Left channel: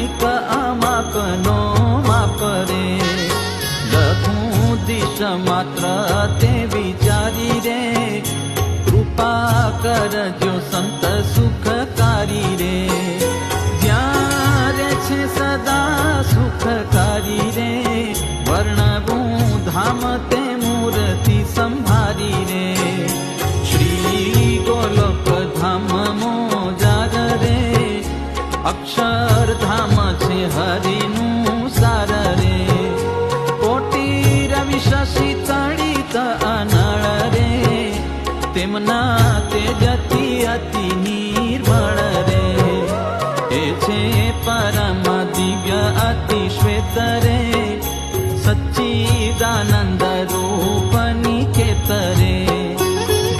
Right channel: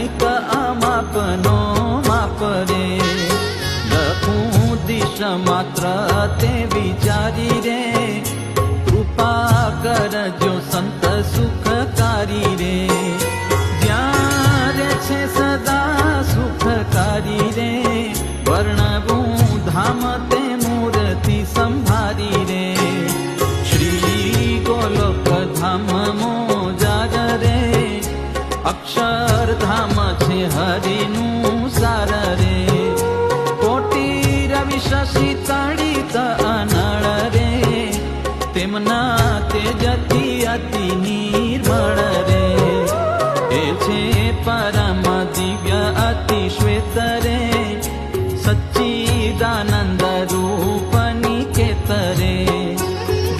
કંઈક અમાપનો માપ રે. લખું દિશ માત્ર તે વિચારી રે, કૃપા કરજો સંત સુખકારી રે. જ્યાં રે છે સદા સુખકારી રે, વર્ણવું ધામ તે મૂર્તિ સંભારી રે. શ્રી ગોલોક ધામ મોજાર રે, અક્ષરધામ છે હરિનું સાર રે. કોટી રવિ શશી તડિત અનળ રે, તેમના તેજથી અતિ નિર્મળ રે. એ છે પરમ દિવ્ય અતિ શ્વેત રે, સચ્ચિદાનંદ રૂપ નિકેત રે.